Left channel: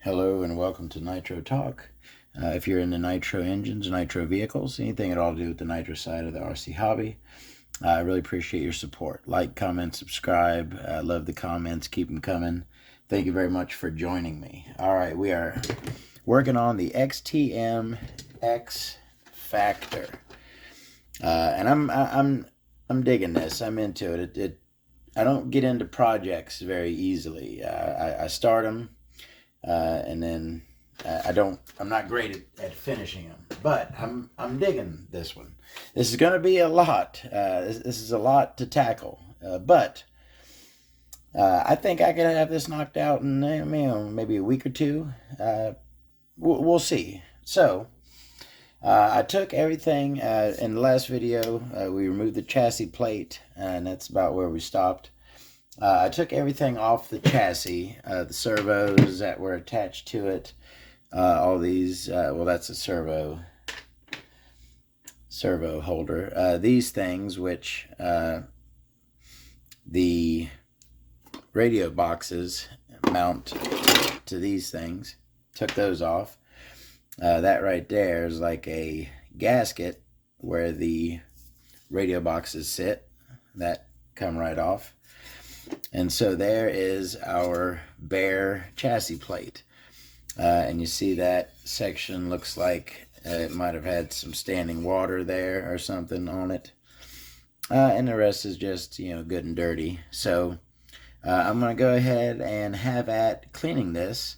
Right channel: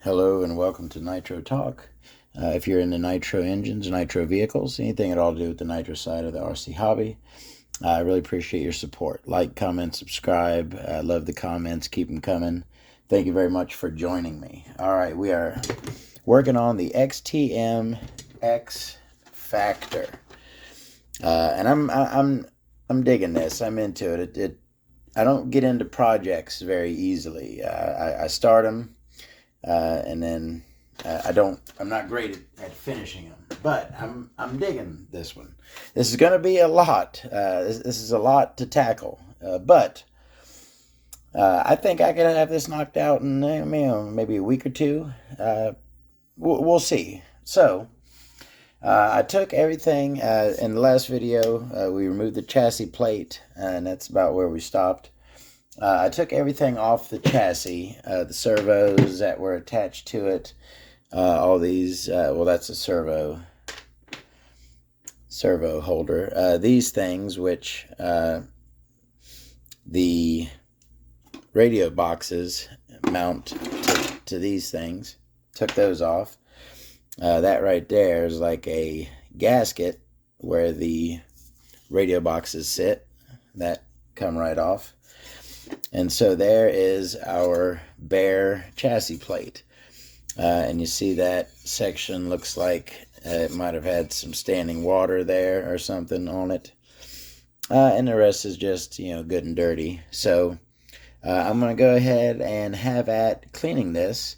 Hello and welcome to Nitro Talk. If you're into Nitro engines, Nitro vehicles, anything at all to do with the Nitro side of the RC hobby, I really appreciate your support. Like, comment, subscribe. Love the comments. Keep them coming. Thank you very much for joining me. All right, we are working on the XTM X-Factor, and I'm digging this. I'm into it. I don't get into projects very easily. I start them. And then I'm not great at finishing them, but I'm digging this one. This is going to be a lot. This is a lot to tackle, but I think I could have this knocked out in maybe a week or two. We'll see. So I took everything in the last video. We removed the chassis plate, and that's about where we stopped. I took everything off the chassis, the servos that were attached to it, all these, well, that's a servo holder. These things, which the radio boxes mount to these things, took those off. That right there is like a gasket where the radio boxes sit. That come right off. And so there is our bare chassis plate. And you see that section looks like it might have had some standing water there or something on it. And the rest is just, good and dirty. So I'm going to go ahead and have at cleaning this.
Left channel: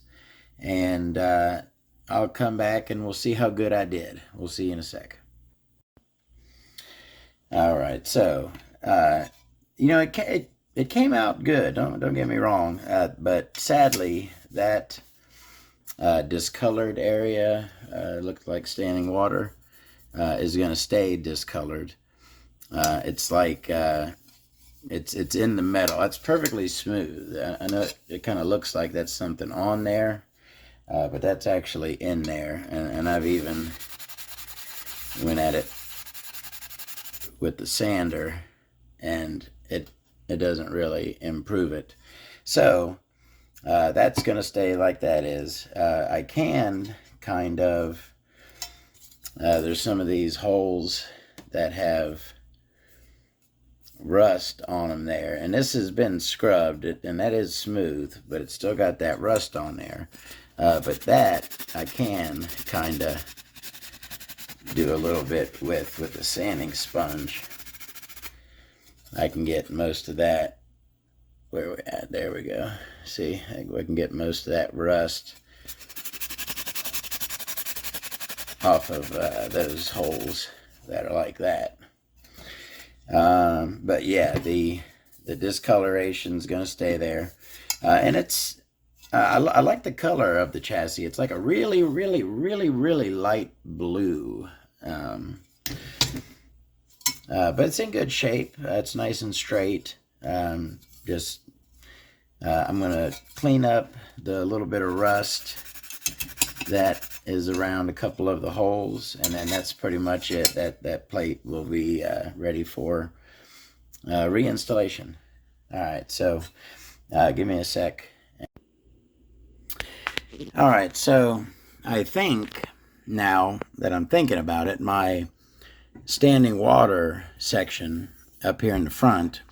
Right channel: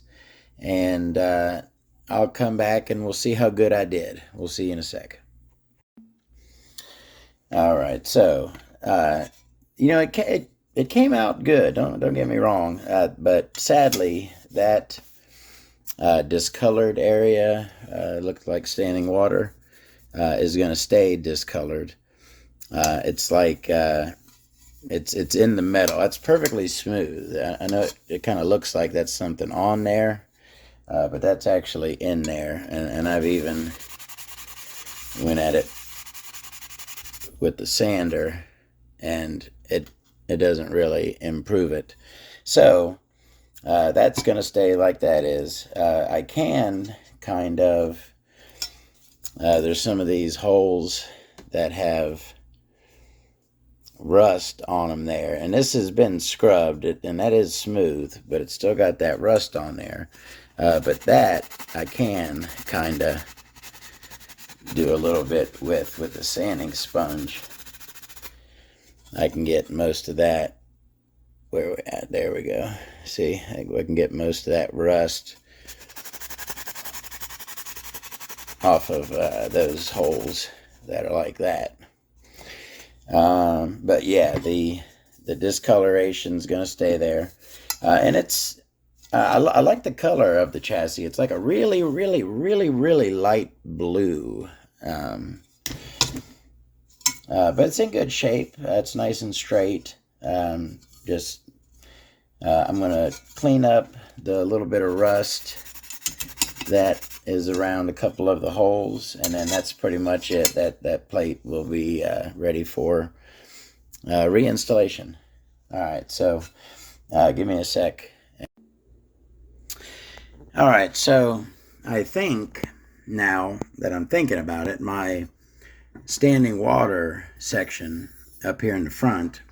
And I'll come back and we'll see how good I did. We'll see you in a sec. All right. So, it came out good, don't get me wrong, but sadly that discolored area looked like standing water is going to stay discolored. It's like it's in the metal. That's perfectly smooth. I know it kind of looks like that's something on there, but that's actually in there, and I've even went at it with the sander, and it doesn't really improve it. So that's going to stay like that is. I can kind of, there's some of these holes that have rust on them there. And this has been scrubbed, and that is smooth, but it's still got that rust on there. But that I can kind of do a little bit with the sanding sponge. I can get most of that. Where we at? There we go. See, I can get most of that rust off of those holes that are like that. But yeah, the discoloration is going to stay there, and it's I like the color of the chassis. It's like a really, really, really, really light blue. But it's in good shape. It's nice and straight. I'm going to clean up the little bit of rust that is around a couple of the holes, and then that's pretty much it. That plate will be ready for reinstallation. All right, so give me a sec. All right, so I think now that I'm thinking about it, my standing water section up here in the front,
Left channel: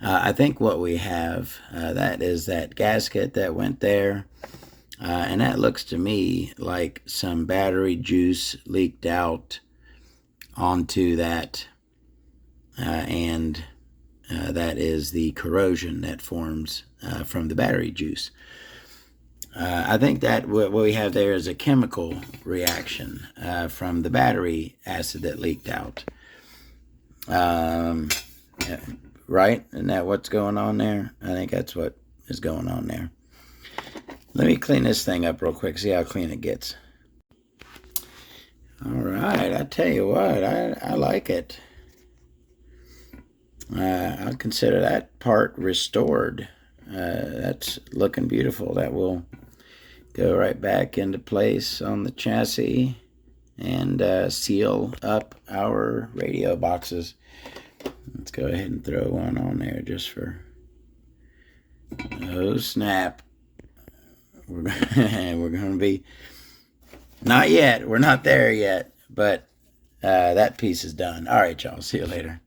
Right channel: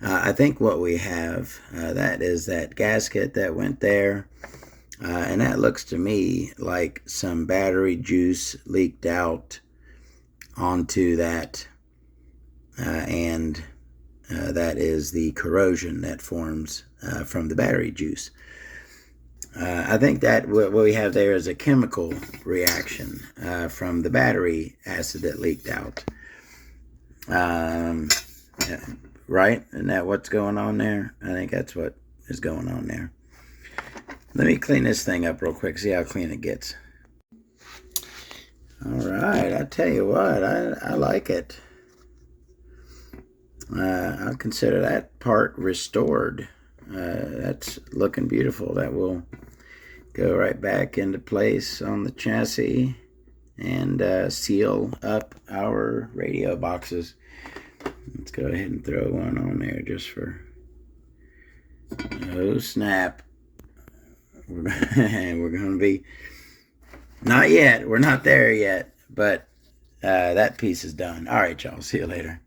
I think what we have, that is that gasket that went there, and that looks to me like some battery juice leaked out onto that, and that is the corrosion that forms from the battery juice. I think that what we have there is a chemical reaction from the battery acid that leaked out. Right? Isn't that what's going on there? I think that's what is going on there. Let me clean this thing up real quick, see how clean it gets. All right, I tell you what, I like it. I'll consider that part restored. That's looking beautiful. That will go right back into place on the chassis and seal up our radio boxes. Let's go ahead and throw one on there just for, oh snap. we're going to be, not yet, we're not there yet, but that piece is done. All right, y'all, see you later.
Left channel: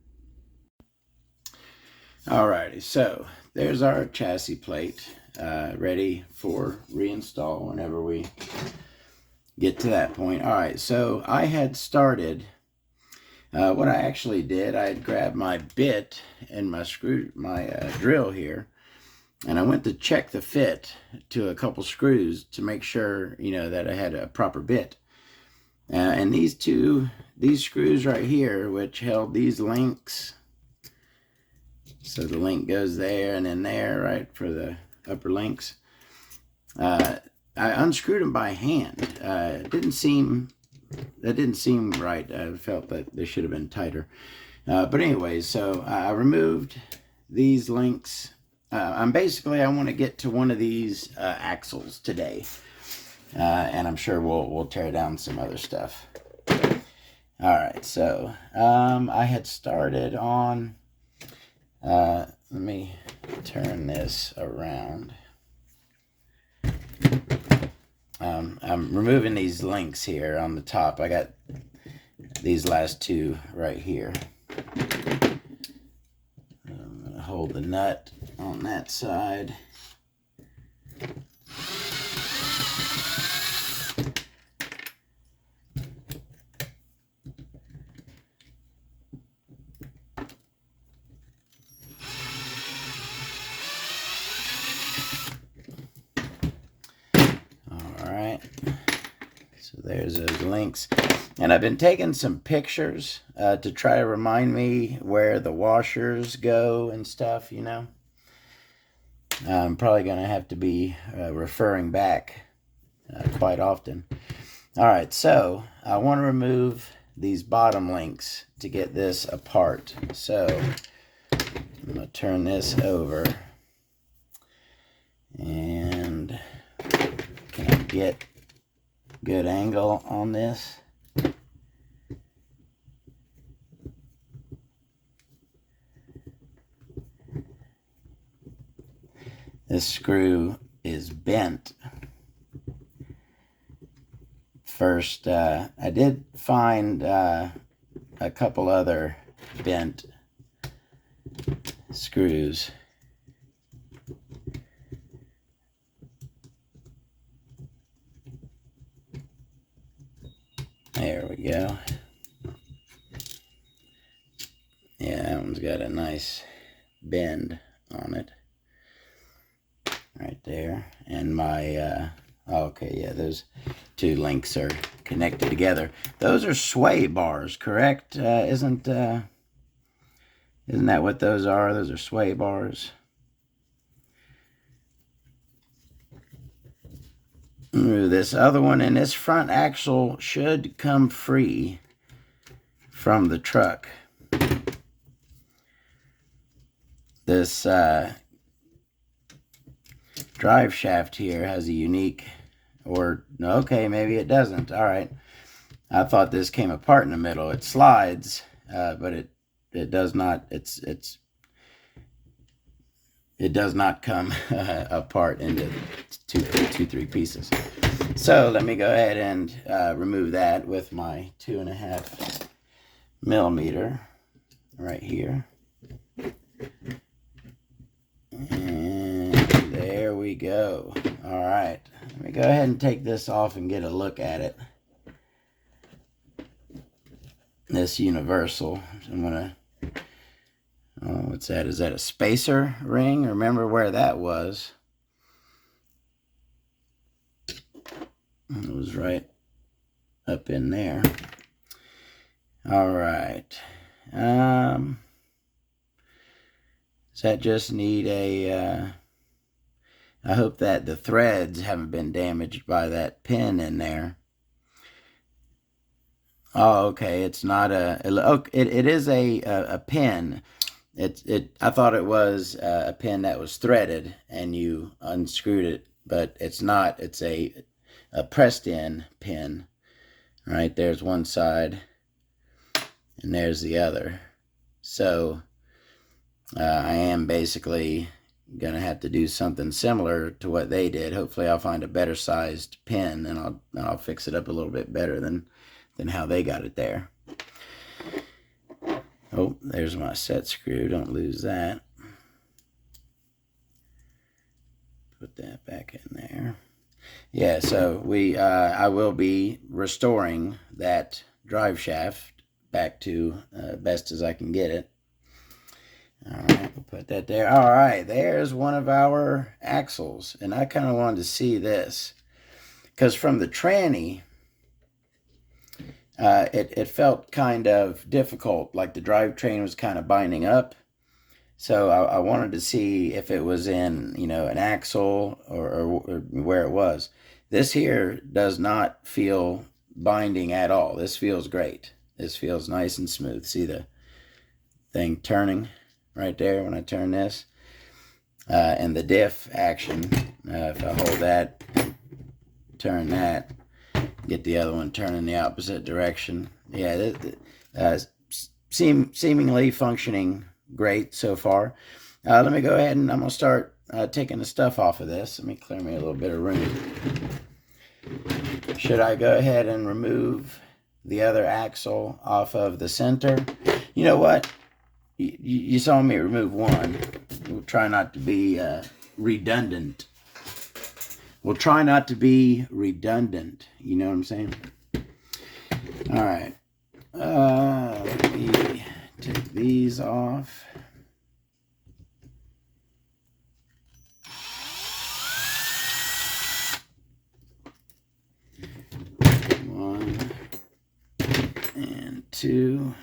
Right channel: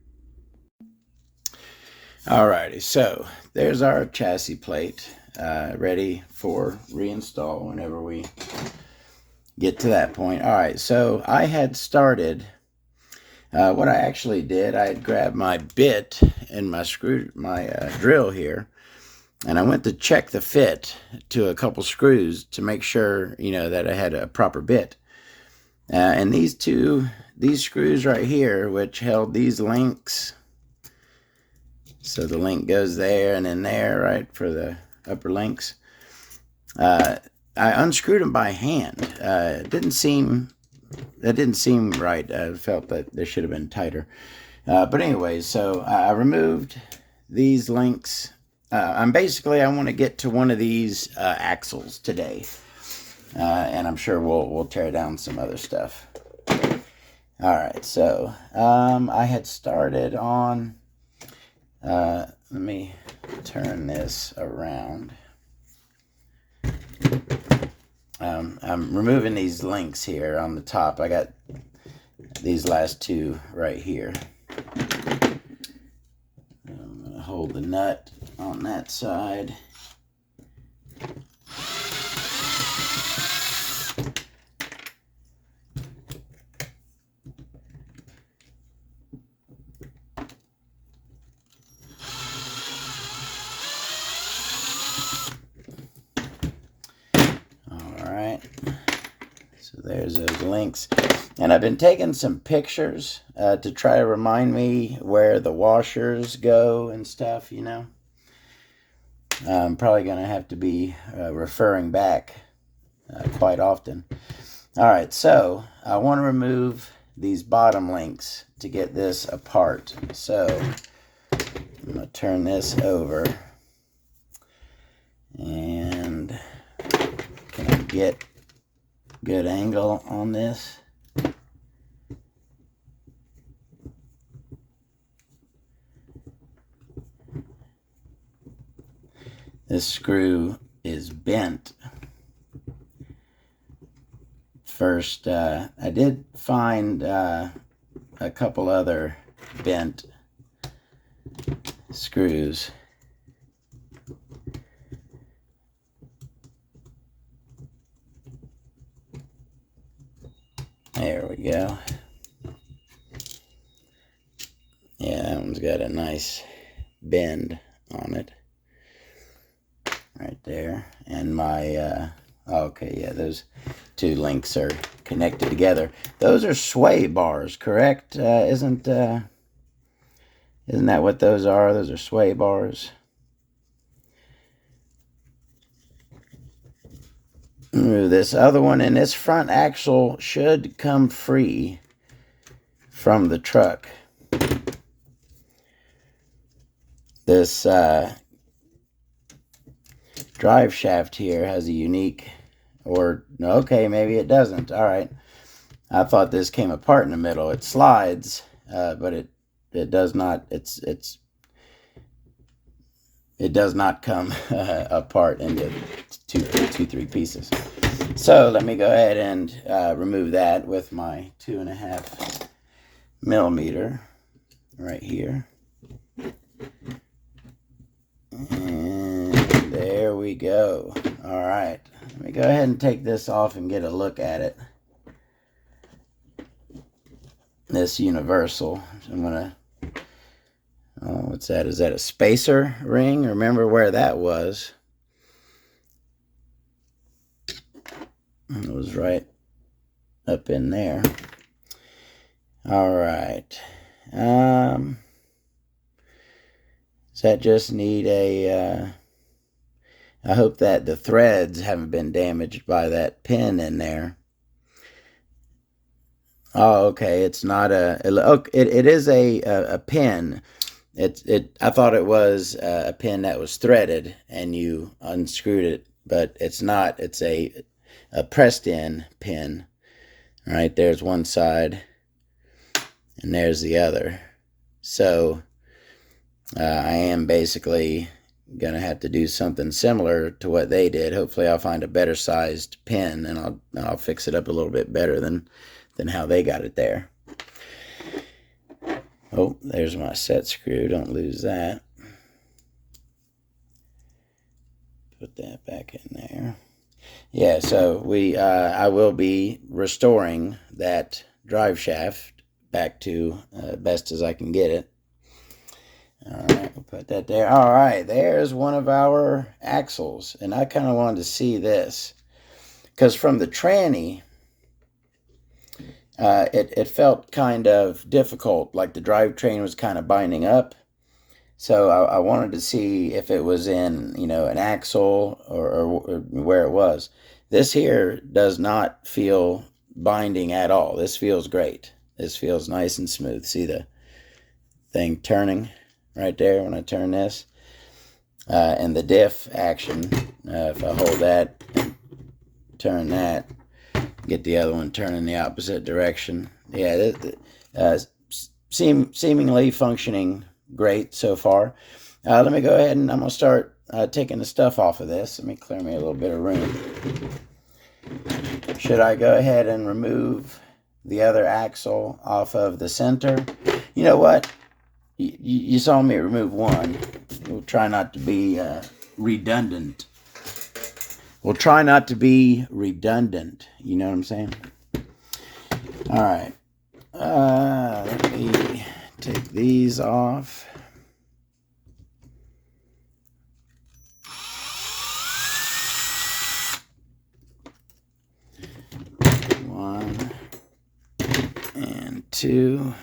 Alrighty, so there's our chassis plate, ready for reinstall whenever we get to that point. All right, so I had started, what I actually did, I had grabbed my bit and my drill here, and I went to check the fit to a couple screws to make sure, that I had a proper bit. And these screws right here, which held these links, so the link goes there and in there, right, for the upper links. I unscrewed them by hand. That didn't seem right. I felt that they should have been tighter. But anyways, so I removed these links. I want to get to one of these axles today. And I'm sure we'll tear down some other stuff. All right, so I had started on... let me turn this around. I'm removing these links here on the top. I got these last two right here. I'm going to hold the nut on that side. So there's those links. And I've been taking some pictures to try to remind me where the washers go and stuff, I'm probably going to have to be referring back quite often. All right, so I want to remove these bottom links to get this apart. So I'm going to turn this over. And can I get good angle on this? This screw is bent. First, I did find a couple other bent screws. There we go. Yeah, that one's got a nice bend on it. Right there. And my, okay, yeah, those two links are connected together. Those are sway bars, correct? Isn't that what those are? Those are sway bars. Remove this other one, and this front axle should come free from the truck. This drive shaft here has a unique, okay, maybe it doesn't. All right, I thought this came apart in the middle. It slides, but it does not. It does not come apart into three pieces. So let me go ahead and remove that with my 2.5 millimeter right here. And there we go. All right, let me go ahead and take this off and get a look at it. This universal, I'm gonna, what's that? Is that a spacer ring? Remember where that was? It was right up in there. All right. Does that just need a, I hope that the threads haven't been damaged by that pin in there. Oh, okay. It's not it is a pin. I thought it was a pin that was threaded and you unscrewed it, but it's not. It's a pressed in pin. All right, there's one side and there's the other. So I am basically gonna have to do something similar to what they did. Hopefully I'll find a better sized pin, and I'll fix it up a little bit better than how they got it there. Oh, there's my set screw. Don't lose that. Put that back in there. Yeah, so I will be restoring that drive shaft back to best as I can get it. All right, we'll put that there. All right, there's one of our axles, and I kind of wanted to see this because from the tranny, it felt kind of difficult, like the drivetrain was kind of binding up. So I wanted to see if it was in, an axle or where it was. This here does not feel binding at all. This feels great. This feels nice and smooth. See the thing turning right there when I turn this? And the diff action, if I hold that, turn that, get the other one turning the opposite direction. Yeah, seemingly functioning great so far. Let me go ahead and I'm going to start taking the stuff off of this. Let me clear me a little bit of room. Should I go ahead and remove the other axle off of the center? You know what? You saw me remove one. We'll try not to be redundant. We'll try not to be redundant. You know what I'm saying? All right. Let me take these off. One and two.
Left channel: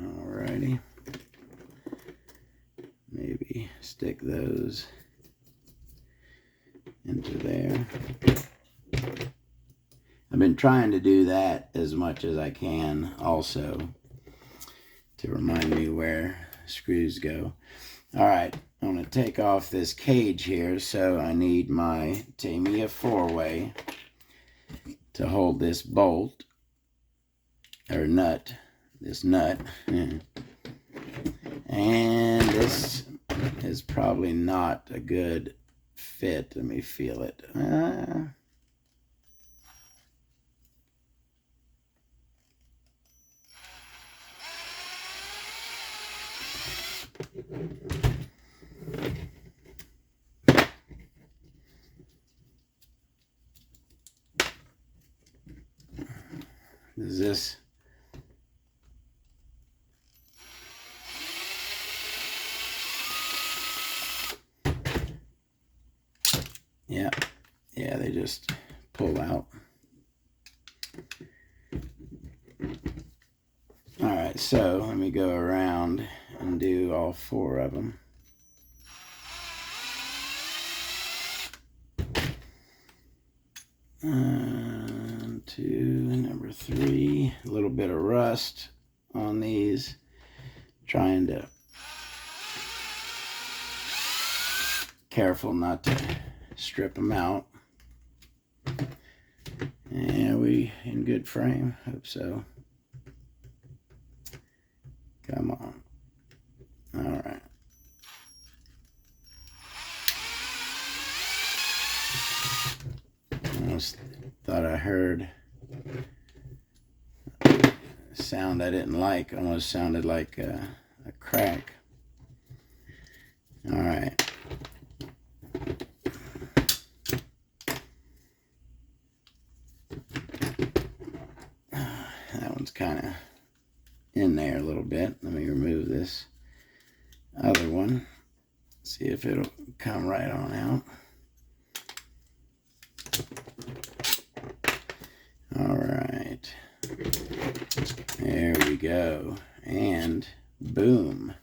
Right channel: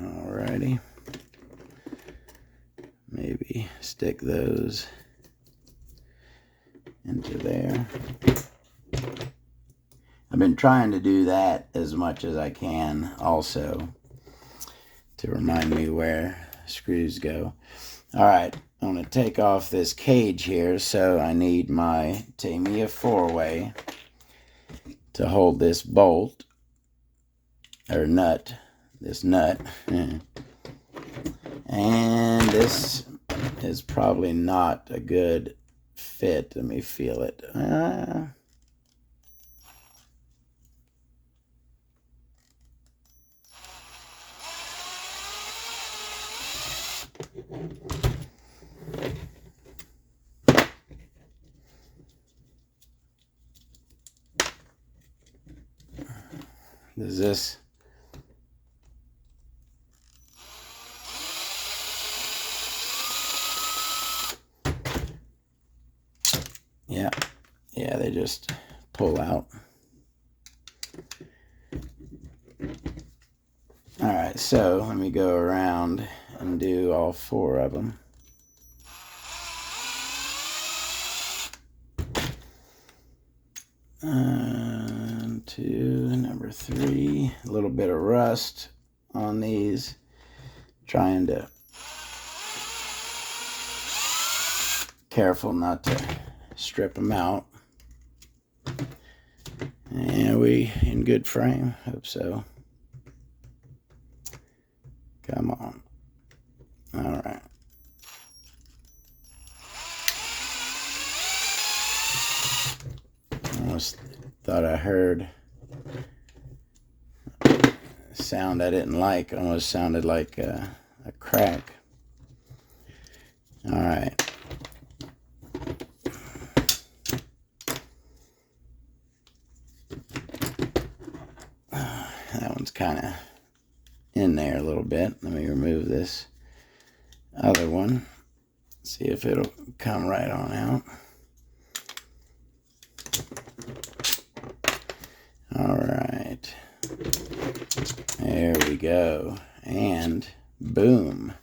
Alrighty. Maybe stick those into there. I've been trying to do that as much as I can also to remind me where screws go. All right, I'm going to take off this cage here, so I need my Tamiya 4-way to hold this bolt, or nut, this nut. And this is probably not a good fit. Let me feel it. Is this? Yeah, they just pull out. All right, so let me go around and do all four of them. Number 3, a little bit of rust on these, trying to careful not to strip them out. And we in good frame, hope so. Come on. All right. Almost thought I heard a sound I didn't like. Almost sounded like a crack. All right. That one's kind of in there a little bit. Let me remove this other one. See if it'll come right on out. All right. There we go. And boom.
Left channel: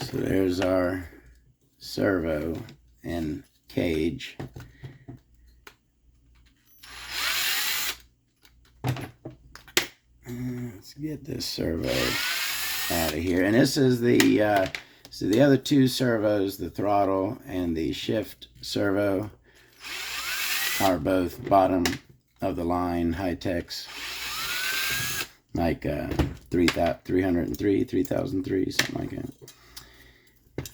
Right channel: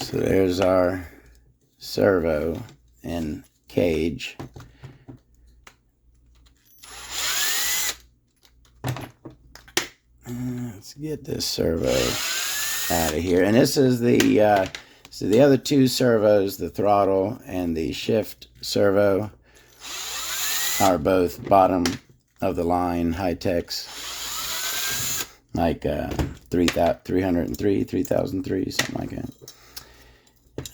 So there's our servo and cage. Let's get this servo out of here. And this is the so the other two servos, the throttle and the shift servo, are both bottom of the line high techs, like 303, 3003, something like that.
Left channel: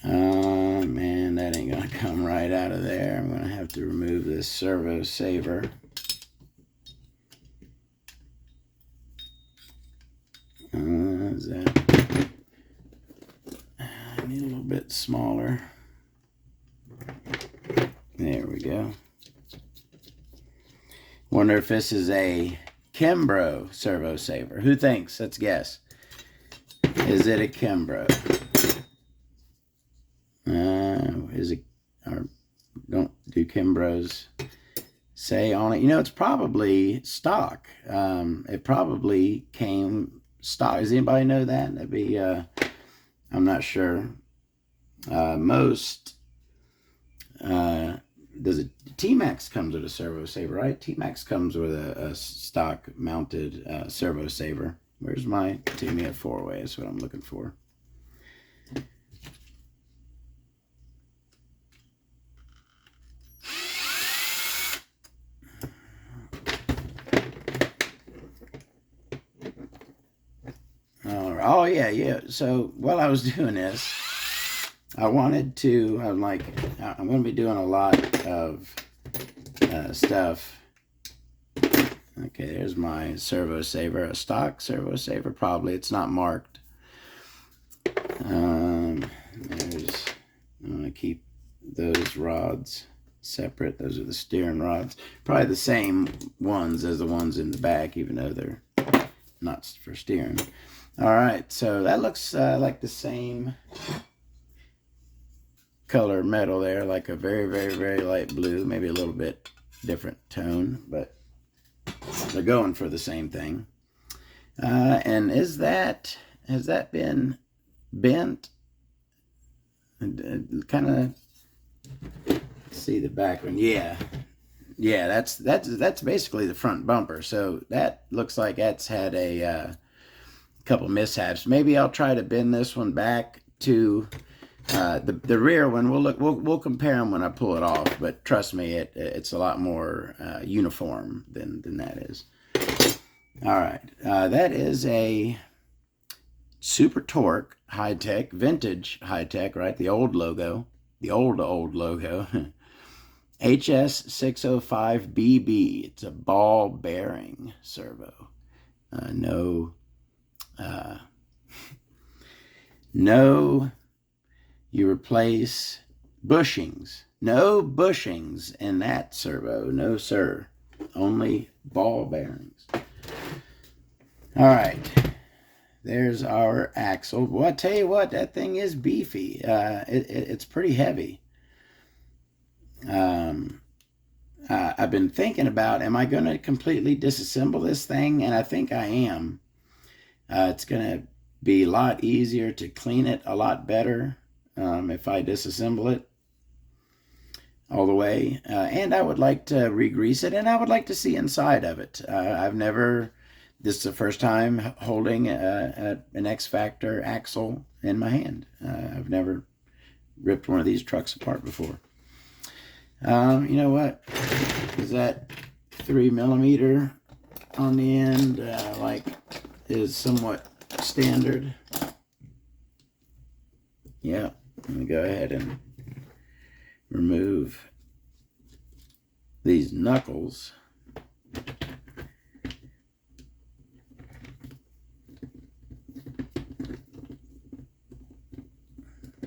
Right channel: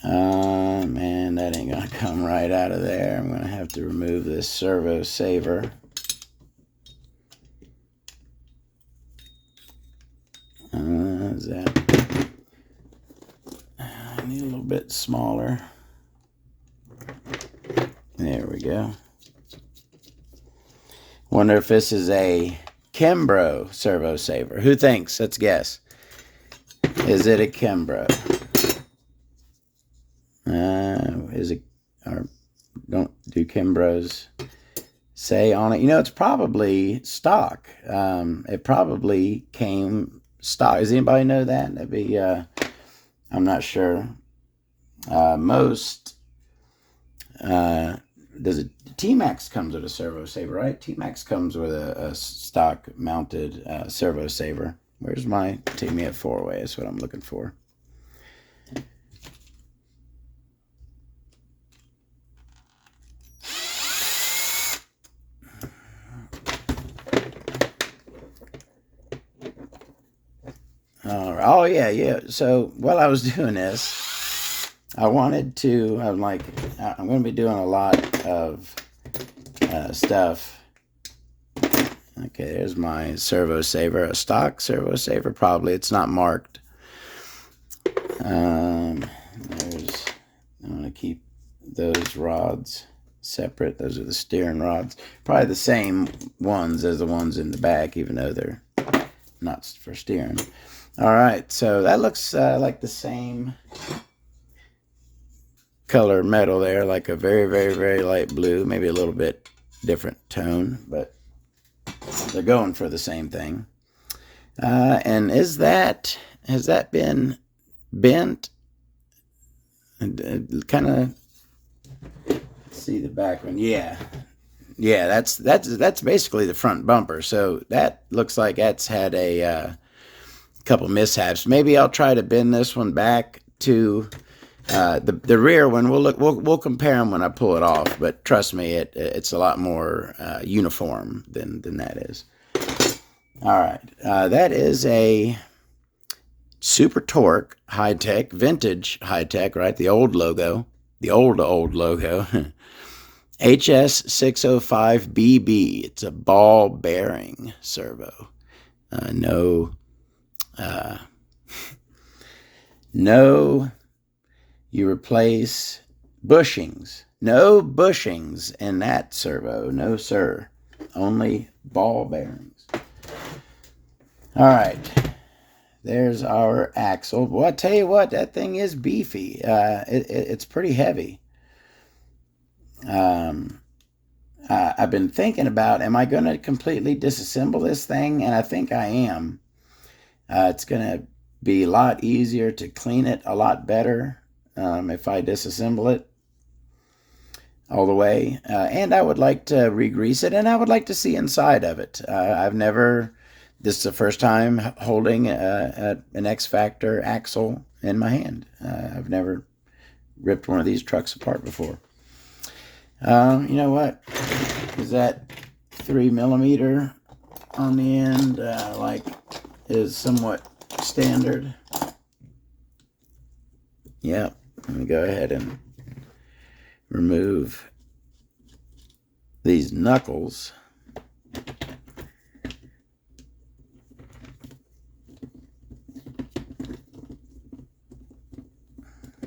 Man, that ain't gonna come right out of there. I'm gonna have to remove this servo saver. Is that? I need a little bit smaller. There we go. Wonder if this is a Kimbrough servo saver. Who thinks? Let's guess. Is it a Kimbrough? Is it? Or don't do Kimbroughs say on it? You know, it's probably stock. It probably came stock. Does anybody know that? That'd be. I'm not sure. Most. Does it? T-Max comes with a servo saver, right? T-Max comes with a stock mounted servo saver. Where's my Timmy at 4-way? That's what I'm looking for. Oh yeah. So while I was doing this, I'm like, I'm going to be doing a lot of stuff. Okay, there's my servo saver, a stock servo saver. Probably it's not marked. I'm going to keep those rods separate. Those are the steering rods. Probably the same ones as the ones in the back, even though they're not for steering. All right, so that looks like the same color metal there, like a very, very, very light blue, maybe a little bit different tone, but they're going for the same thing. And has that been bent? And kind of see the back one. Yeah, that's basically the front bumper. So that looks like that's had a couple mishaps. Maybe I'll try to bend this one back to the rear one. We'll compare them when I pull it off. But trust me, it's a lot more uniform than that is. All right, that is a Super Torque high tech, vintage high tech, right? The old logo, the old logo. HS605BB. It's a ball bearing servo. No, you replace bushings. No bushings in that servo. No, sir. Only ball bearings. All right. There's our axle. Well, I tell you what, that thing is beefy. It's pretty heavy. I've been thinking about, am I going to completely disassemble this thing? And I think I am. It's going to be a lot easier to clean it, a lot better if I disassemble it all the way. And I would like to re-grease it, and I would like to see inside of it. This is the first time holding an X-Factor axle in my hand. I've never ripped one of these trucks apart before. You know what? Is that 3mm on the end, is somewhat standard? Yeah, let me go ahead and remove these knuckles.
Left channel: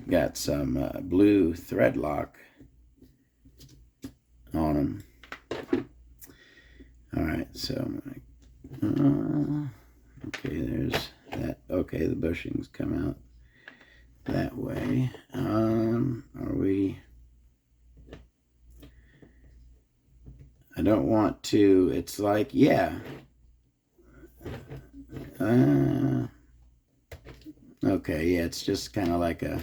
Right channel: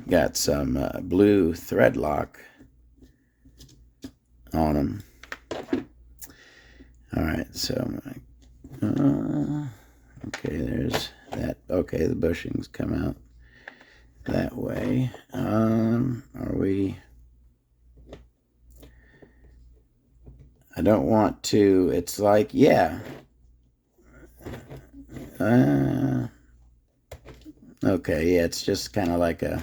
Got some blue thread lock on them. All right, so okay, there's that. Okay, the bushings come out that way. Are we? I don't want to. It's like, yeah. Okay, yeah, it's just kind of like a.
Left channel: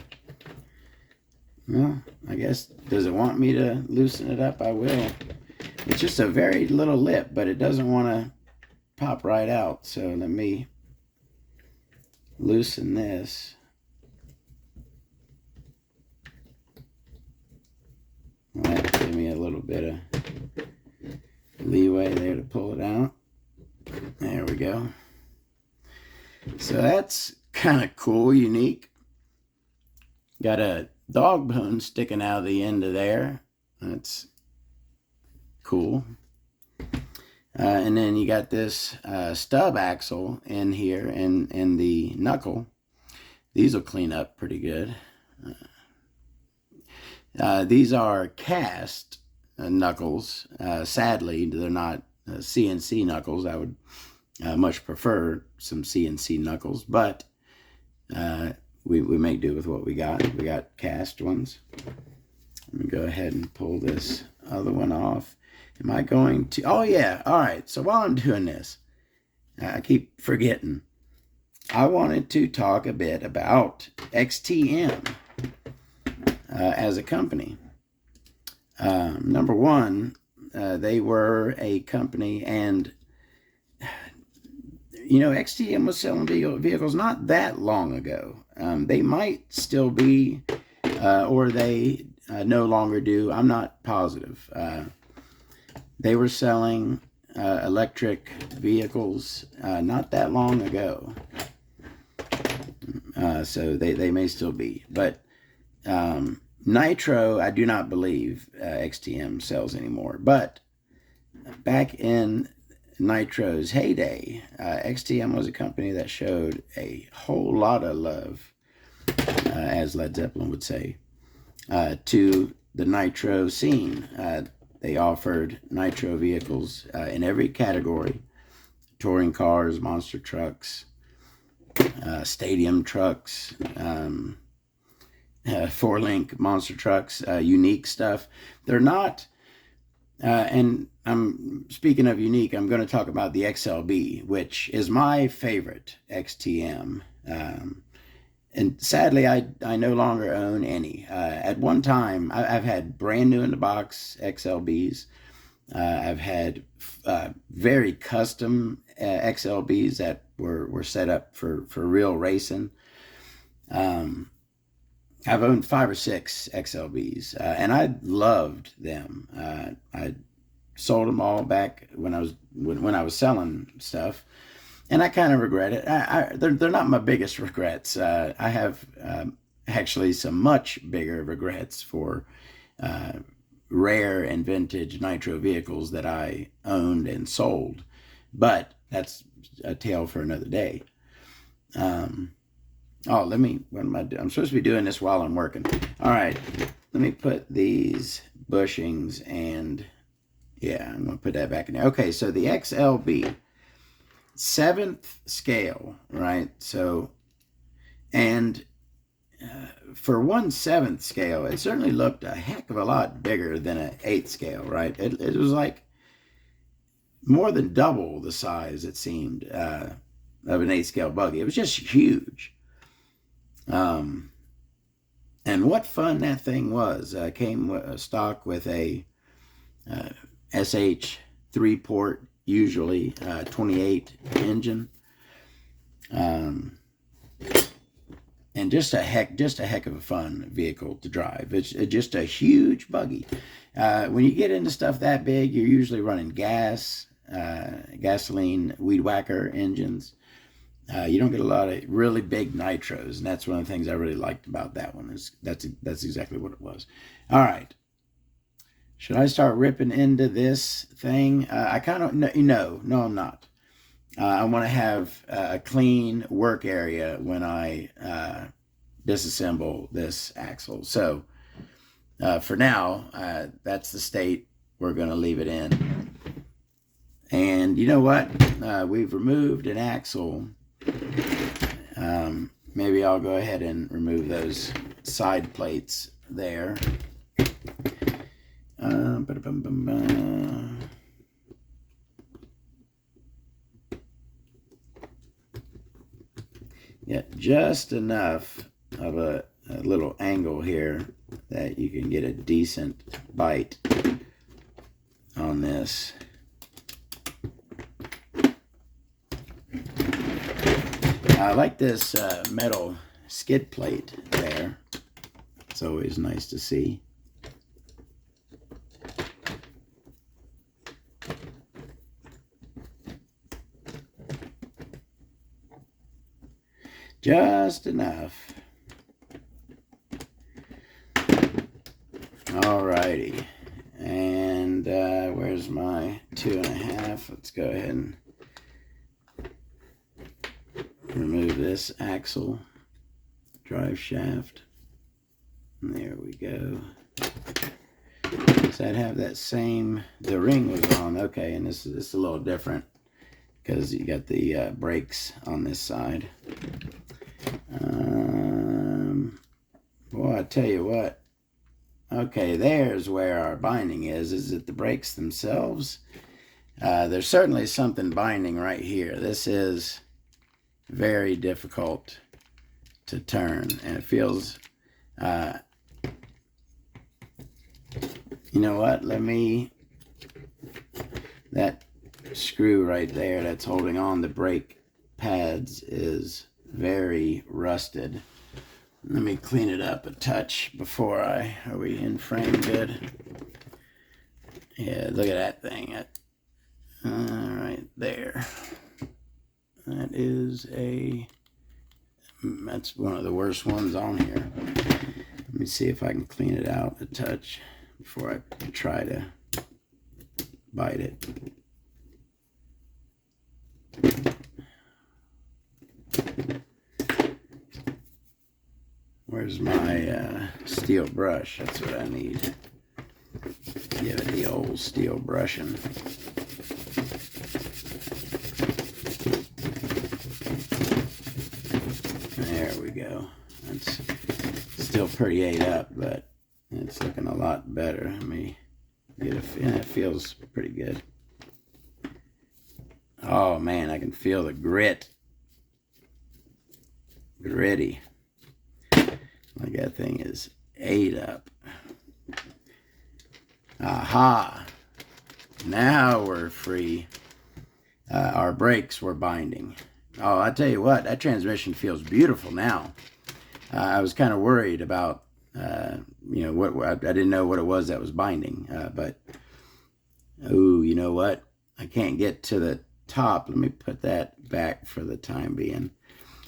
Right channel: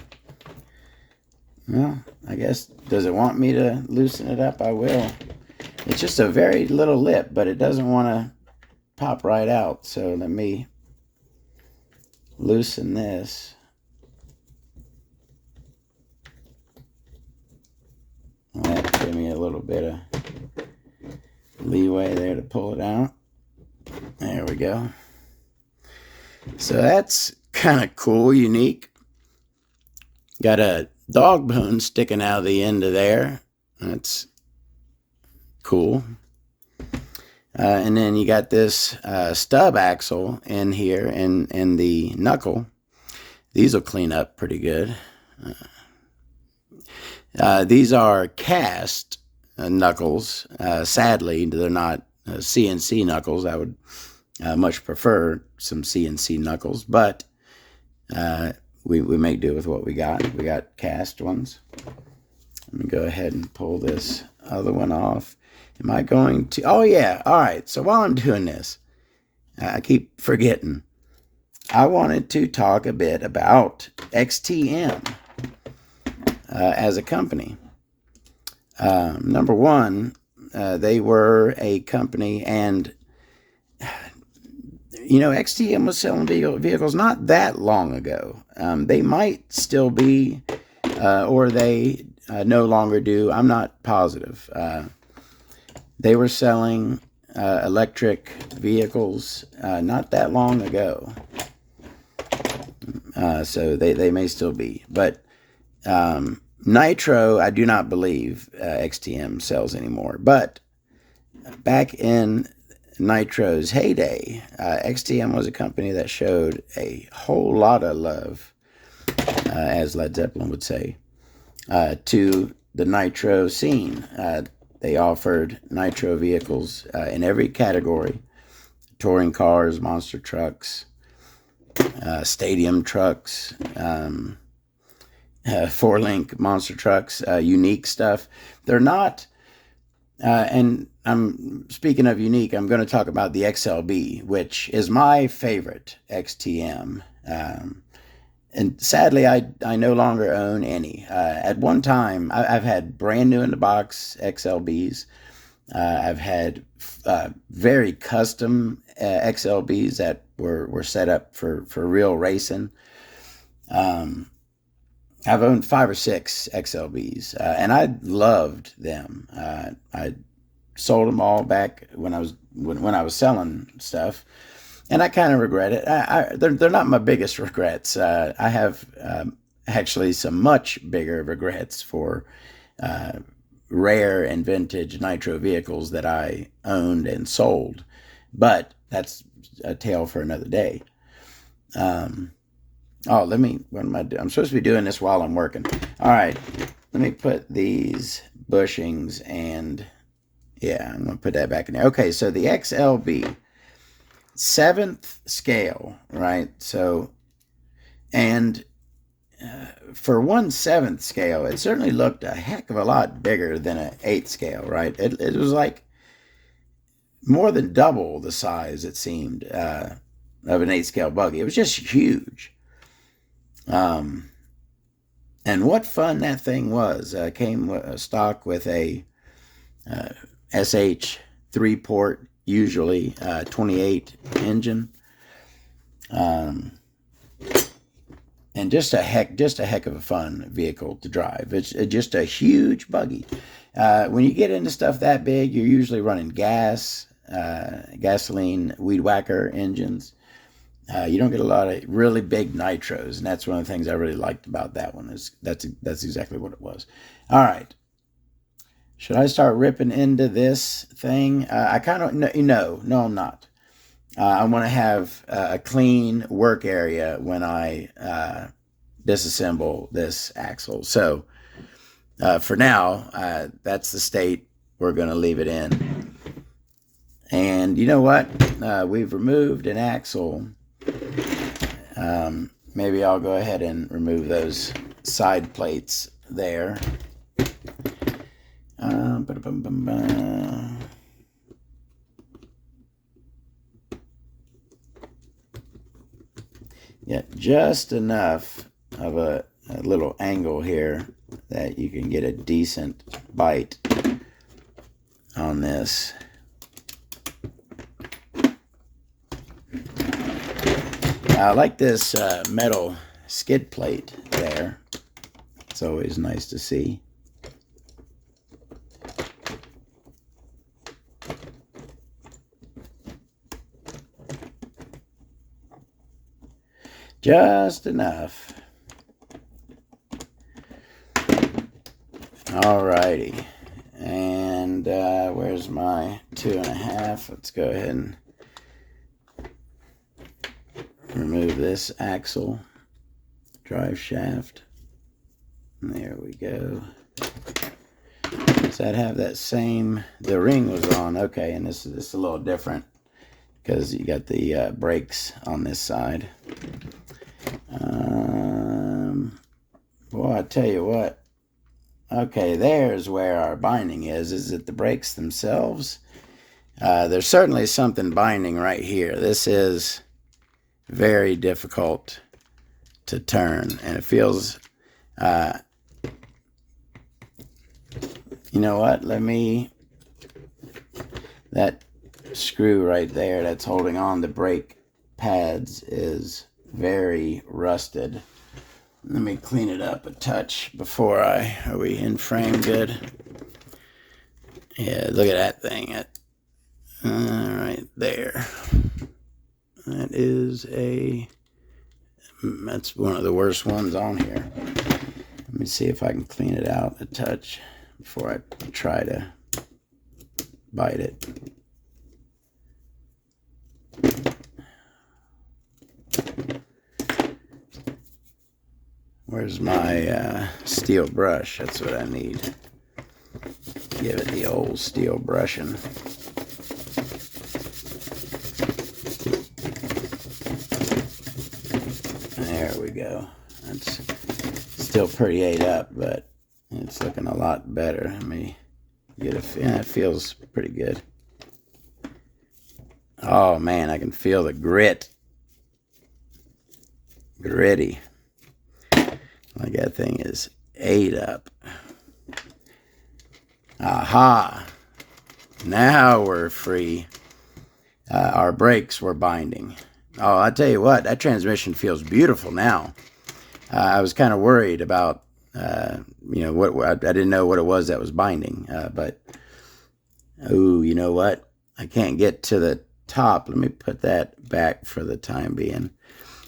Well, I guess, does it want me to loosen it up? I will. It's just a very little lip, but it doesn't want to pop right out. So let me loosen this. That give me a little bit of leeway there to pull it out. There we go. So that's kind of cool, unique. Got a dog bone sticking out of the end of there. That's cool. And then you got this stub axle in here and the knuckle. These will clean up pretty good. These are cast knuckles. Sadly, they're not CNC knuckles. I would much prefer some CNC knuckles, but we make do with what we got. We got cast ones. Let me go ahead and pull this other one off. Am I going to? Oh, yeah. All right. So while I'm doing this, I keep forgetting. I wanted to talk a bit about XTM as a company. Number one, they were a company, and you know, XTM was selling vehicles not that long ago. They might still be, or they no longer do. I'm not positive. They were selling electric vehicles not that long ago. So they may still be. But Nitro, I do not believe XTM sells anymore. But back in Nitro's heyday, XTM was a company that showed a whole lot of love, as Led Zeppelin would say, to the Nitro scene. They offered Nitro vehicles in every category: touring cars, monster trucks, stadium trucks, 4-link monster trucks, unique stuff. They're not, and I'm speaking of unique, I'm going to talk about the XLB, which is my favorite XTM. And sadly, I no longer own any. At one time, I've had brand new in the box XLBs. I've had very custom XLBs that were set up for real racing. I've owned 5 or 6 XLBs, and I loved them. I sold them all back when I was selling stuff, and I kind of regret it. They're not my biggest regrets. I have actually some much bigger regrets for rare and vintage Nitro vehicles that I owned and sold, but that's a tale for another day. Oh, what am I doing? I'm supposed to be doing this while I'm working. All right, let me put these bushings, and yeah, I'm going to put that back in there. Okay, so the XLB, 7th scale, right? So, and for 1/7 scale, it certainly looked a heck of a lot bigger than an 8th scale, right? It was like more than double the size, it seemed, of an 8th scale buggy. It was just huge. And what fun that thing was. Came stock with a SH 3-port, usually 28 engine, and just a heck of a fun vehicle to drive. It's just a huge buggy. When you get into stuff that big, you're usually running gasoline weed whacker engines. You don't get a lot of really big nitros, and that's one of the things I really liked about that one. That's exactly what it was. All right. Should I start ripping into this thing? I kind of, no, I'm not. I want to have a clean work area when I disassemble this axle. So for now, that's the state we're going to leave it in. And you know what? We've removed an axle. Maybe I'll go ahead and remove those side plates there. Yeah, just enough of a little angle here that you can get a decent bite on this. I like this metal skid plate there. It's always nice to see. Just enough. Alrighty. And where's my 2.5? Let's go ahead and remove this axle, drive shaft. And there we go. So I'd have that same, the ring was on, okay, and this is a little different because you got the brakes on this side. Well, I tell you what, okay, there's where our binding is it the brakes themselves? There's certainly something binding right here. This is very difficult to turn, and it feels, you know what, that screw right there that's holding on the brake pads is very rusted. Let me clean it up a touch before are we in frame good? Yeah, look at that thing. Right there. That's one of the worst ones on here. Let me see if I can clean it out a touch before I try to bite it. Where's my steel brush? That's what I need. Give it the old steel brushing. There we go. That's still pretty ate up, but it's looking a lot better. Let me get it feels pretty good. Oh man, I can feel the grit. Gritty. Like that thing is ate up. Aha. Now we're free. Our brakes were binding. Oh, I tell you what, that transmission feels beautiful now. I was kind of worried about, you know, what I didn't know what it was that was binding. But, oh, you know what? I can't get to the top. Let me put that back for the time being.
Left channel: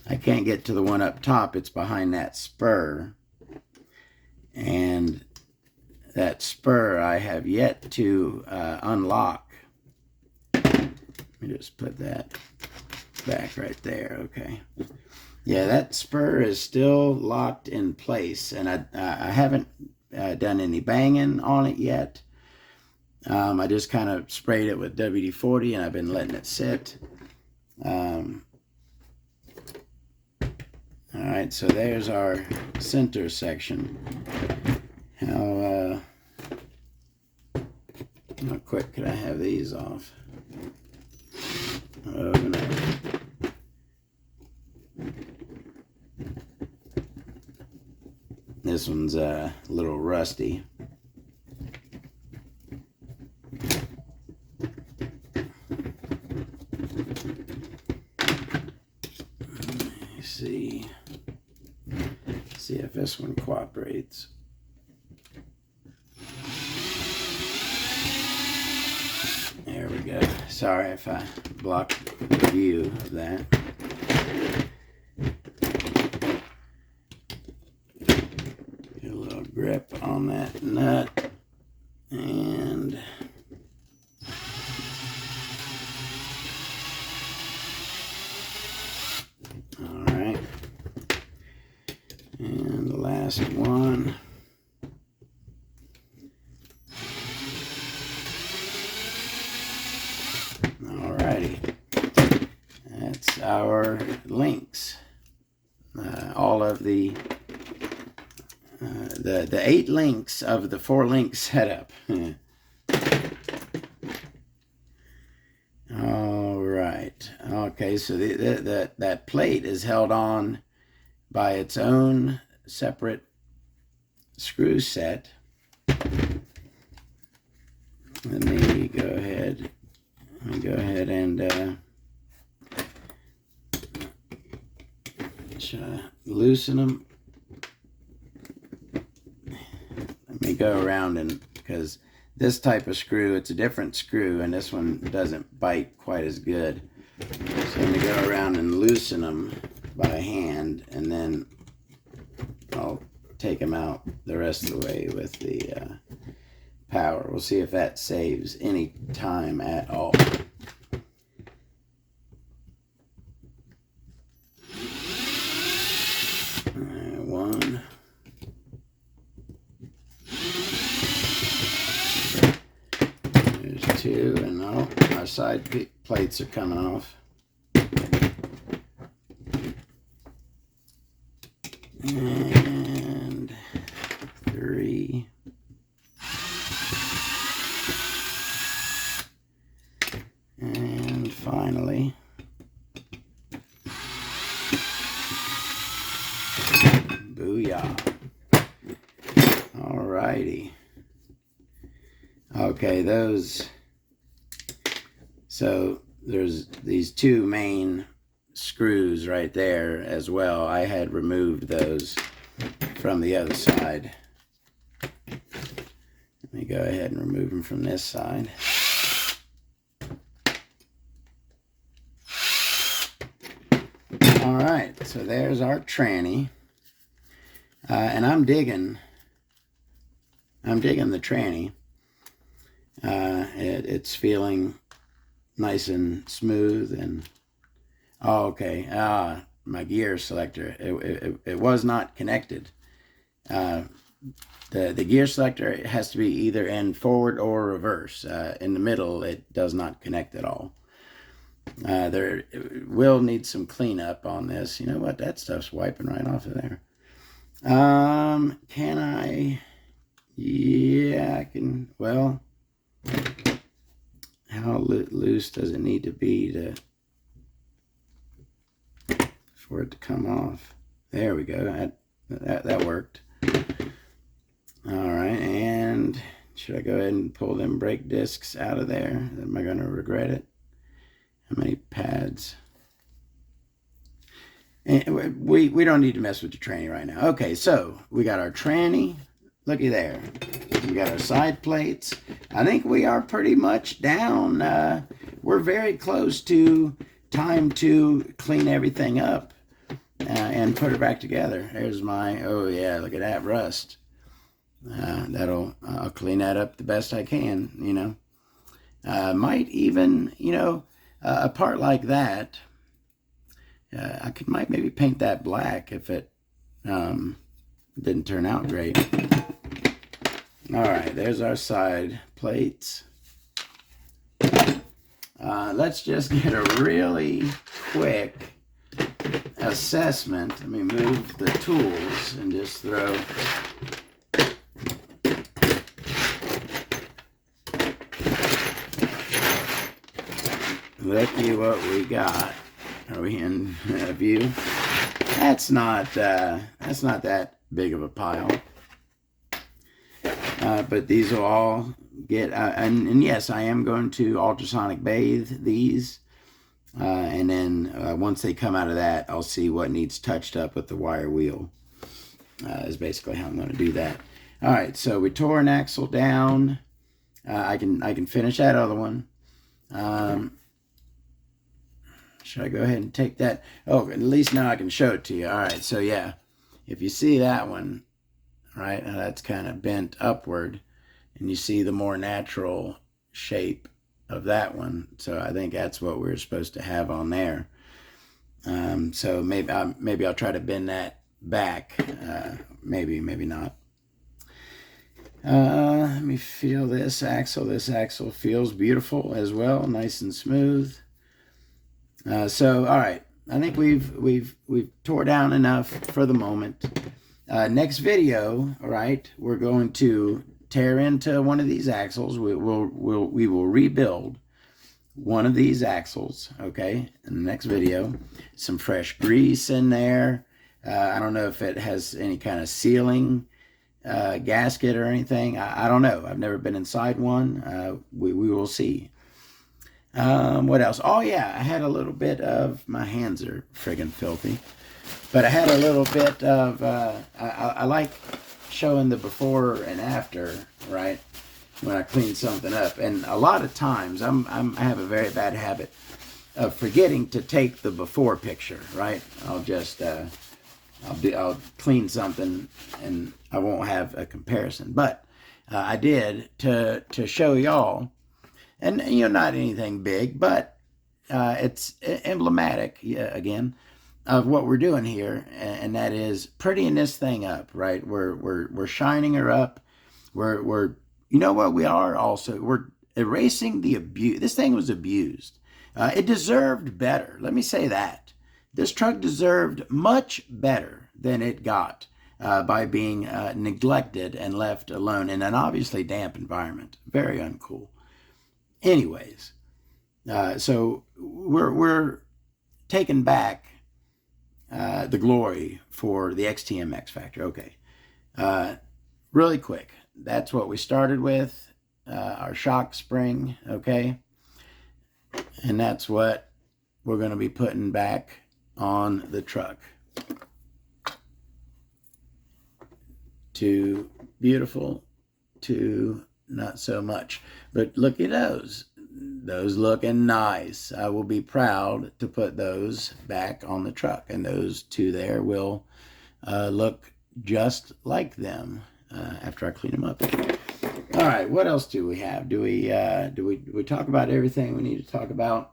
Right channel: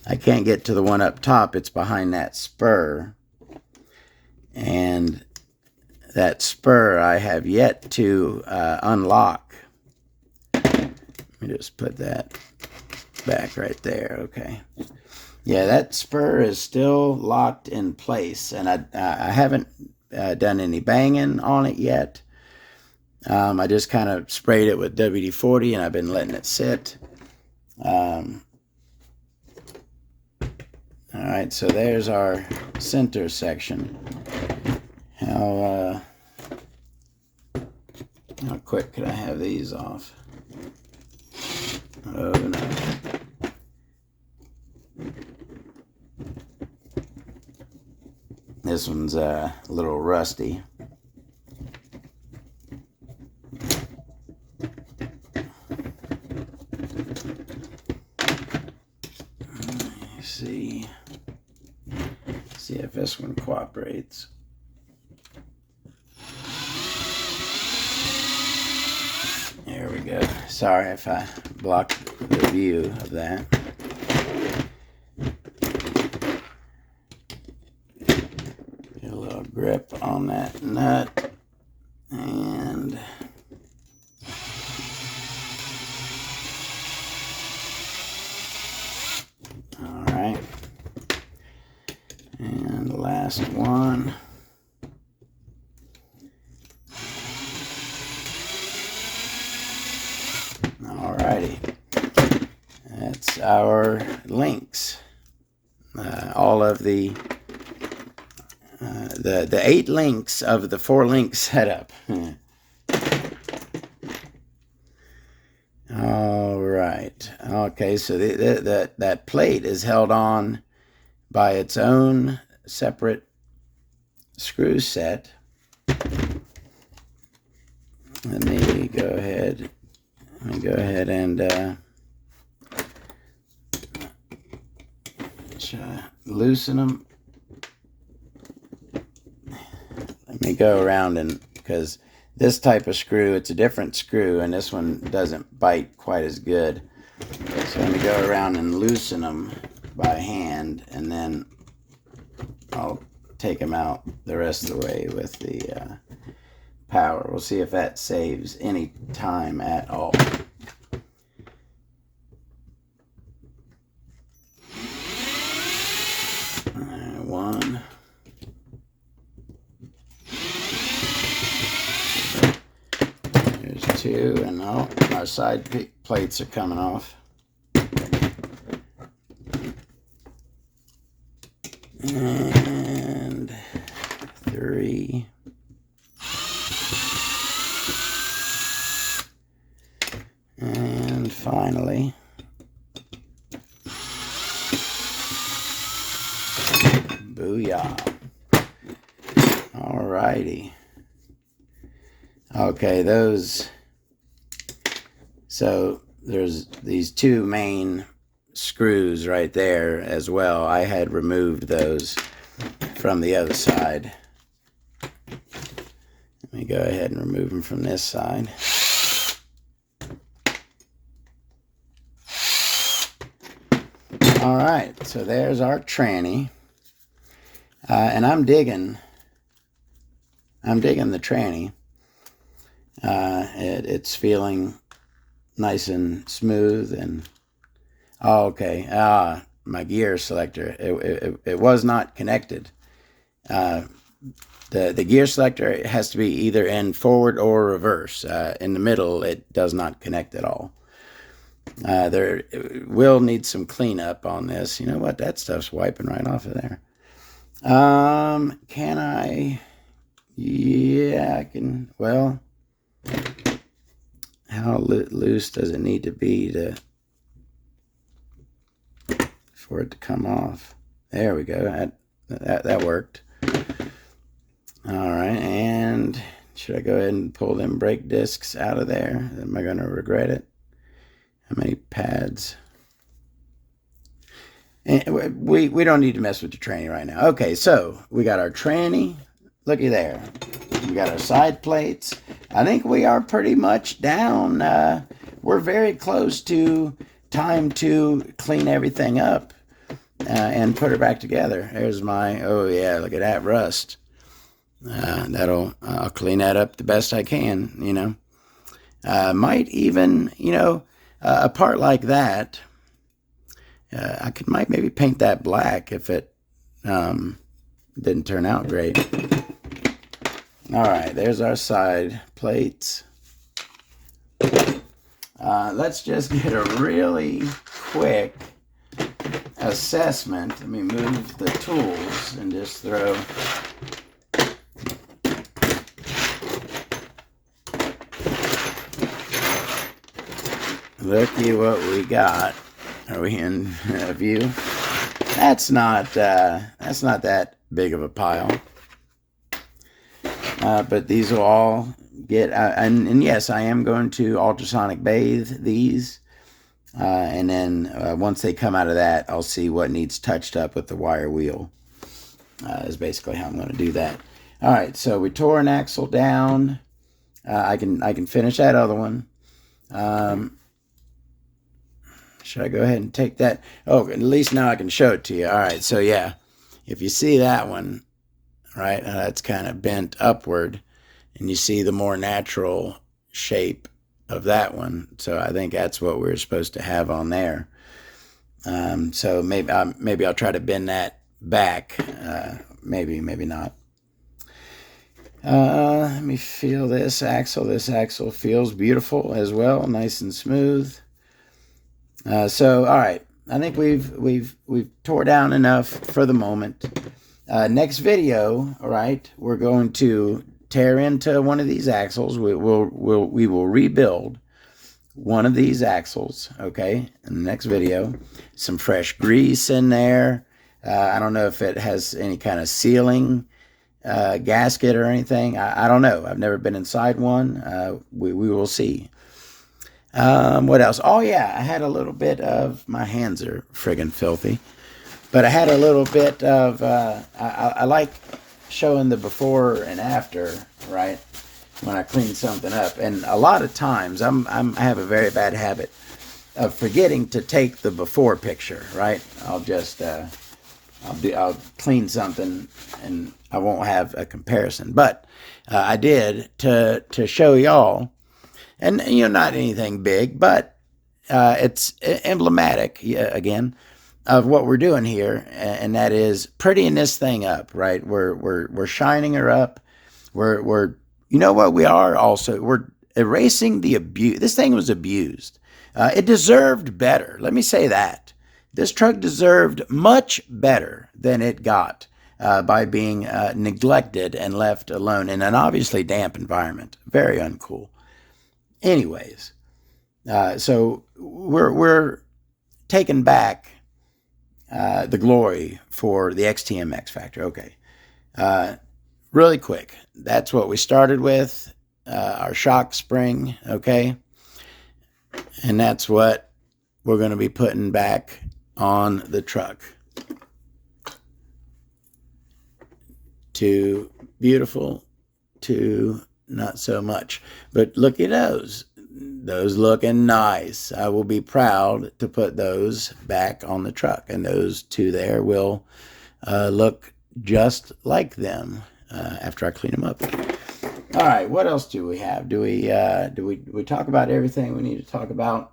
I can't get to the one up top. It's behind that spur. And that spur I have yet to unlock. Let me just put that back right there. Okay. Yeah, that spur is still locked in place. And I haven't done any banging on it yet. I just kind of sprayed it with WD-40 and I've been letting it sit. Alright, so there's our center section. How quick could I have these off? Oh no. This one's a little rusty. See if this one cooperates. There we go. Sorry if I blocked the view of that. Get a little grip on that nut. And alright. And the last one. Alrighty. That's our links. All of the 8 links of the 4-link setup. All right. Okay, so that plate is held on by its own separate screw set. Let me go ahead and loosen them. Let me go around and, because this type of screw, it's a different screw, and this one doesn't bite quite as good. So let me go around and loosen them. by hand, and then I'll take them out the rest of the way with the power. We'll see if that saves any time at all. One. There's two, and all our side plates are coming off. And three. And finally, booyah. Alrighty. Okay, so there's these two main screws right there as well. I had removed those from the other side. Let me go ahead and remove them from this side. All right, so there's our tranny, and I'm digging the tranny. It's feeling nice and smooth, and oh, okay. My gear selector, it was not connected. The gear selector has to be either in forward or reverse. In the middle, it does not connect at all. There will need some cleanup on this. You know what? That stuff's wiping right off of there. Can I? Yeah, I can. Well, how loose does it need to be for it to come off? There we go. That worked. All right, and should I go ahead and pull them brake discs out of there? Am I going to regret it? How many pads? And we don't need to mess with the tranny right now. Okay, so we got our tranny. Looky there. We got our side plates. I think we are pretty much down. We're very close to time to clean everything up and put her back together. There's my, oh yeah, look at that rust. I'll clean that up the best I can, you know. Might even, you know, a part like that, might maybe paint that black if it didn't turn out great. All right, there's our side plates. Let's just get a really quick assessment. Let me move the tools and just throw. Looky what we got. Are we in view? That's not that big of a pile. But these will all get, and yes, I am going to ultrasonic bathe these. And then once they come out of that, I'll see what needs touched up with the wire wheel. Is basically how I'm going to do that. All right, so we tore an axle down. I can finish that other one. Should I go ahead and take that? Oh, at least now I can show it to you. All right, so yeah, if you see that one, right, that's kind of bent upward, and you see the more natural shape of that one. So I think that's what we're supposed to have on there. So maybe I'll try to bend that back. Maybe not. Let me feel this axle. This axle feels beautiful as well, nice and smooth. So all right, I think we've tore down enough for the moment. Next video, all right, we're going to tear into one of these axles. We will rebuild one of these axles, okay, in the next video. Some fresh grease in there. I don't know if it has any kind of sealing gasket or anything. I don't know. I've never been inside one. We will see. What else? Oh yeah, I had a little bit of, my hands are friggin' filthy, but I had a little bit of, I like showing the before and after, right, when I clean something up. And a lot of times, I have a very bad habit forgetting to take the before picture, right? I'll clean something and I won't have a comparison. But I did to show y'all, and not anything big, but it's emblematic again of what we're doing here, and that is prettying this thing up, right? We're shining her up. We're what we are also, we're erasing the abuse. This thing was abused. It deserved better. Let me say that. This truck deserved much better than it got by being neglected and left alone in an obviously damp environment. Very uncool. Anyways, so we're taking back the glory for the XTM X-Factor. Okay. Really quick. That's what we started with, our shock spring, okay? And that's what we're going to be putting back on the truck. Too beautiful, too not so much. But look at those. Those looking nice. I will be proud to put those back on the truck. And those two there will look just like them after I clean them up. All right, what else do we have? Do we talk about everything we need to talk about?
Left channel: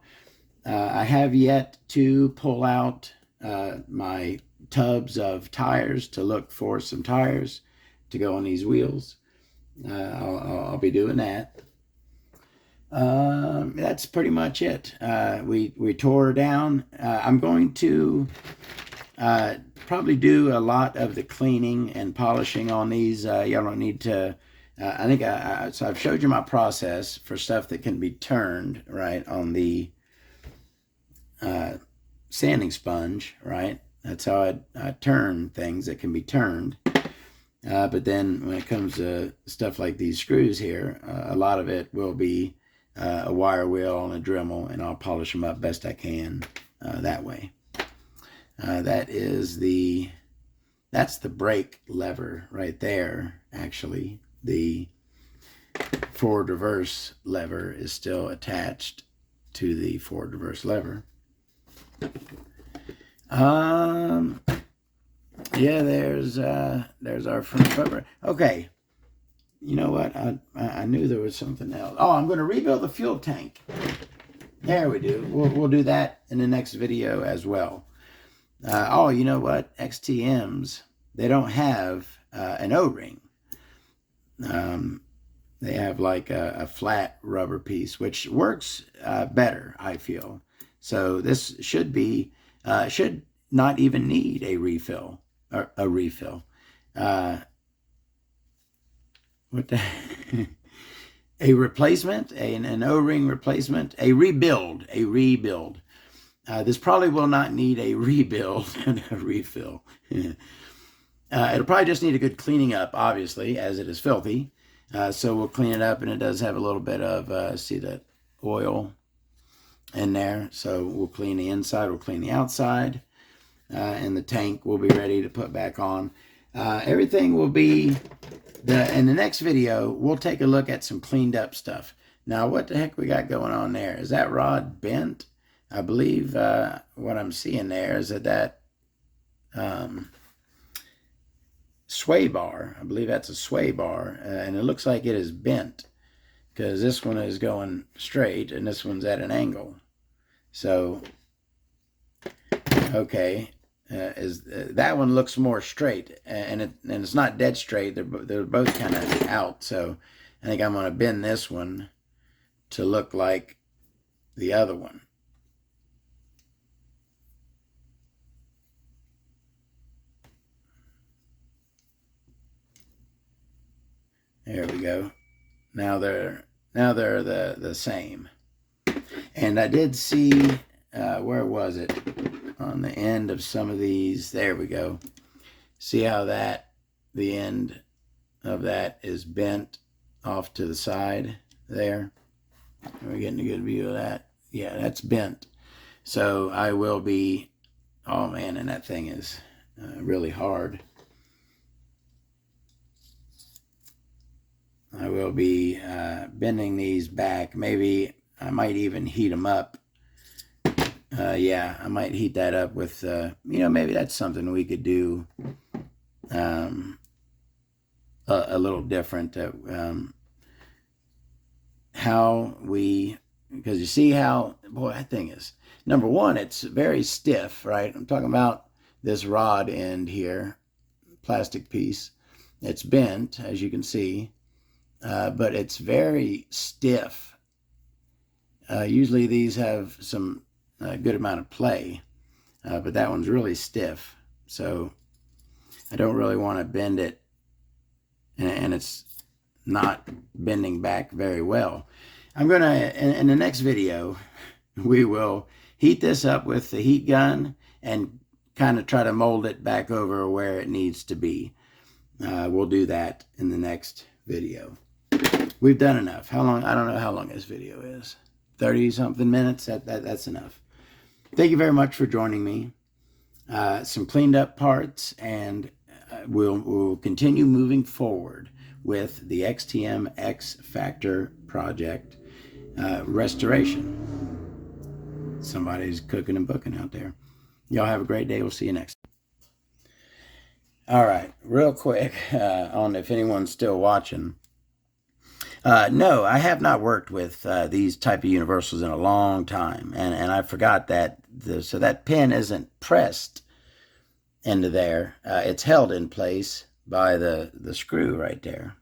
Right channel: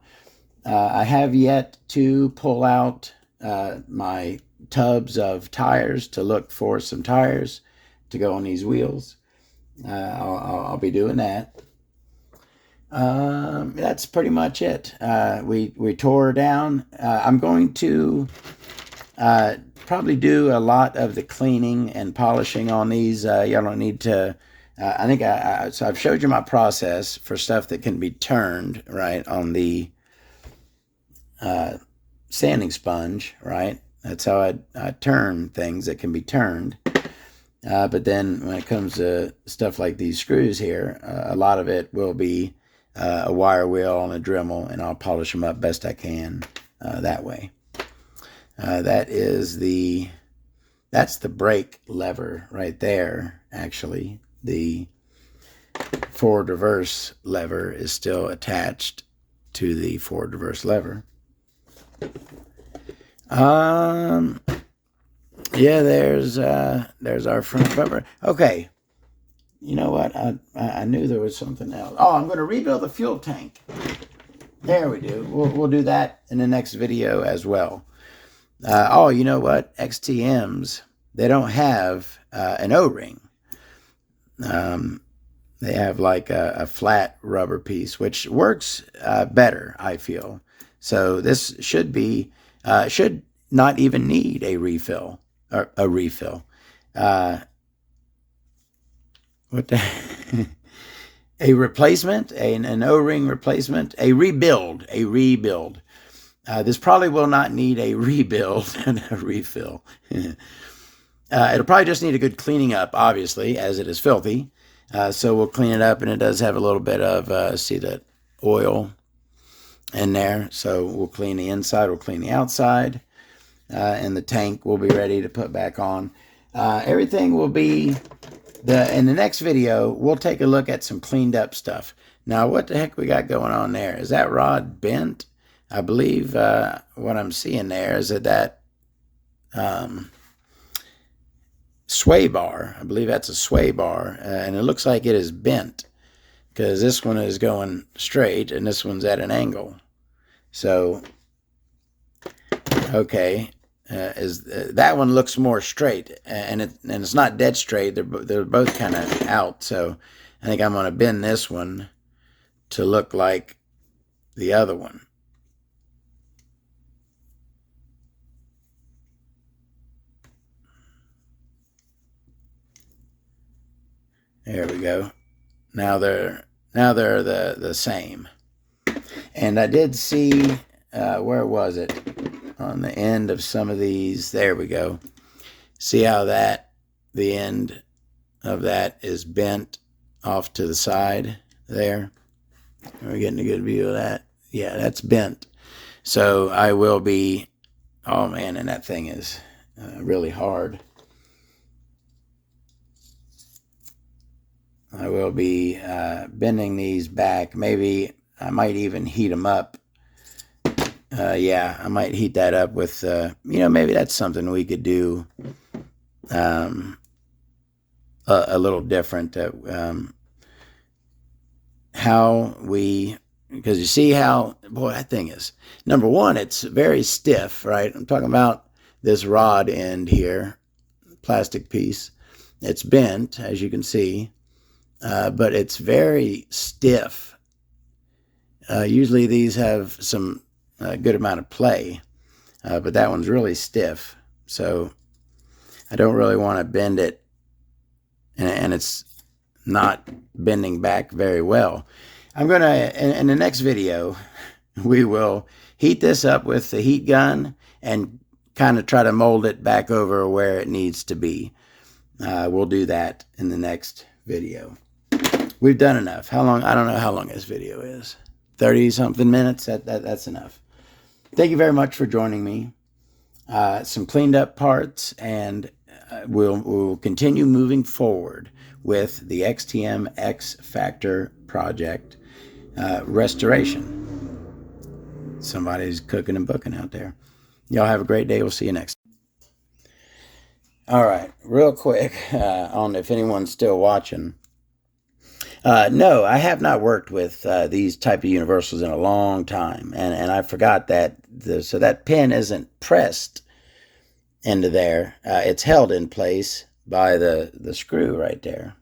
I have yet to pull out my tubs of tires to look for some tires to go on these wheels. I'll be doing that. That's pretty much it. We tore her down. I'm going to probably do a lot of the cleaning and polishing on these. Y'all don't need to. I think so I've showed you my process for stuff that can be turned, right, on the sanding sponge, right? That's how I turn things that can be turned. But then when it comes to stuff like these screws here, a lot of it will be a wire wheel and a Dremel, and I'll polish them up best I can that way. That's the brake lever right there, actually. The forward reverse lever is still attached to the forward reverse lever. Yeah, there's our front cover. Okay, you know what? I knew there was something else. Oh, I'm going to rebuild the fuel tank. There we do. We'll do that in the next video as well. Oh, you know what? XTMs, they don't have an O-ring. They have like a flat rubber piece, which works better, I feel. So this should not even need a refill. Or a refill. What the? A replacement, an O-ring replacement, a rebuild. This probably will not need a rebuild and a refill. It'll probably just need a good cleaning up, obviously, as it is filthy. So we'll clean it up, and it does have a little bit of, see that oil in there. So we'll clean the inside, we'll clean the outside. And the tank will be ready to put back on. Everything will be, in the next video, we'll take a look at some cleaned up stuff. Now, what the heck we got going on there? Is that rod bent? I believe what I'm seeing there is that sway bar, I believe that's a sway bar, and it looks like it is bent because this one is going straight and this one's at an angle. So, okay. That one looks more straight, and it's not dead straight. They're both kind of out. So I think I'm going to bend this one to look like the other one. There we go. Now they're the same. And I did see where was it? On the end of some of these, there we go. See how the end of that is bent off to the side there? We're getting a good view of that. Yeah, that's bent. So I will be, oh man, and that thing is really hard. I will be bending these back. Maybe I might even heat them up yeah, I might heat that up with, maybe that's something we could do a little different. Because you see how, boy, that thing is, number one, it's very stiff, right? I'm talking about this rod end here, plastic piece. It's bent, as you can see, but it's very stiff. Usually these have some good amount of play, but that one's really stiff. So I don't really want to bend it, and it's not bending back very well. I'm going to, in the next video, we will heat this up with the heat gun and kind of try to mold it back over where it needs to be. We'll do that in the next video. We've done enough. How long? I don't know how long this video is. 30-something minutes? That's enough. Thank you very much for joining me. Some cleaned up parts, and we'll continue moving forward with the XTM X-Factor project restoration. Somebody's cooking and booking out there. Y'all have a great day. We'll see you next time. All right, real quick, on if anyone's still watching. No, I have not worked with these type of universals in a long time, and I forgot that. So that pin isn't pressed into there. It's held in place by the screw right there.